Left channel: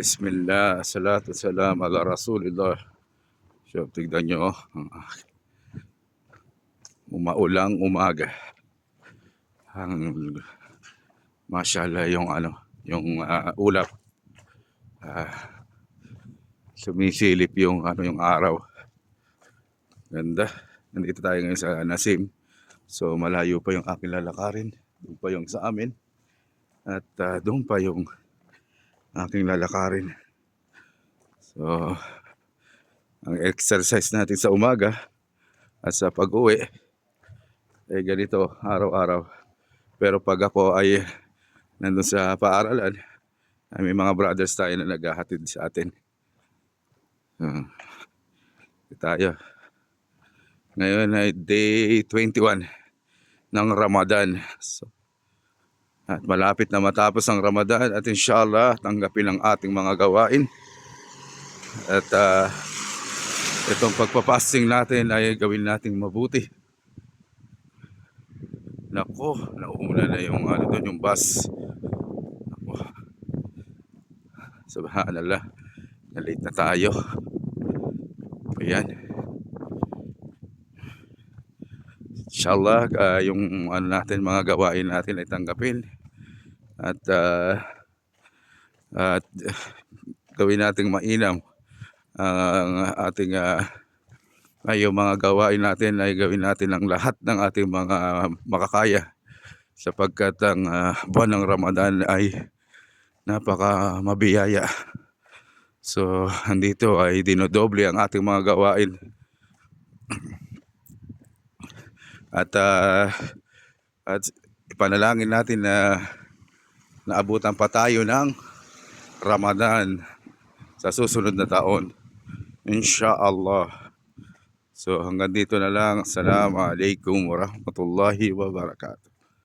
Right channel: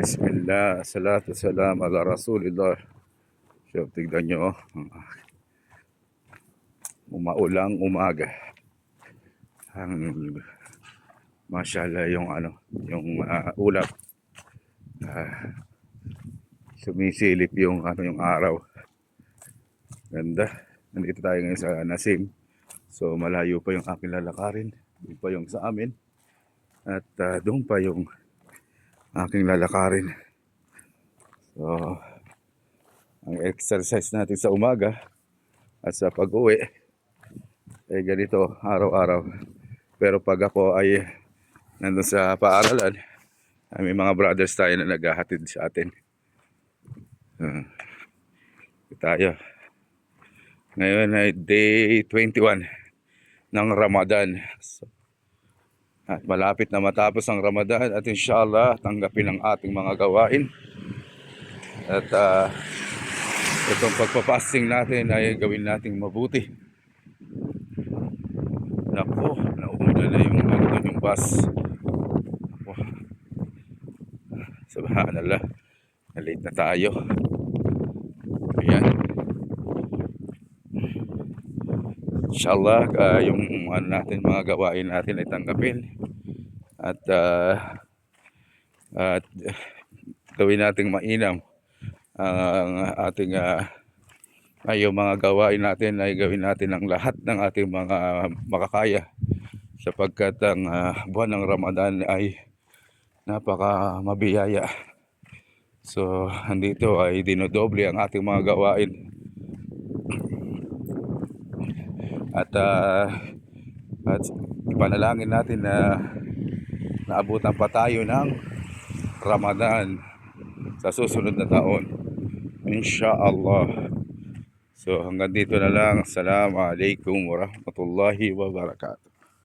Bismillah, salatu salam ala Rasulillah. So, tignan nyo, umaulang umaga. Mashallah yung ulap. Sumisilip yung yung araw. Ganda. Nandito tayo ngayon sa Nasim. So malayo pa yung aking lalakarin. Doon pa yung sa amin. At doon pa yung aking lalakarin. So ang exercise natin sa umaga at sa pag-uwi ay ganito araw-araw. Pero pag ako ay nandun sa paaralan, ay may mga brothers tayo na naghahatid sa atin. Tayo. Ngayon ay day 21 ng Ramadan. So, at malapit na matapos ang Ramadan at inshallah tanggapin ang ating mga gawain. At itong pagpapasting natin ay gawin nating mabuti. Nako, nauna na yung yung bus. Nako. Subhanallah. Nalate na tayo. Ayan. Inshallah, yung natin mga gawain natin ay tanggapin. At gawin nating mainam ang ating yung mga gawain natin ay gawin natin ang lahat ng ating mga makakaya sapagkat ang buwan ng Ramadan ay napaka mabiyaya. So andito ay dinodoble ang ating mga gawain at ipanalangin natin na naabutan pa tayo ng Ramadan sa susunod na taon, inshallah. So hanggang dito na lang. Assalamualaikum warahmatullahi wabarakatuh.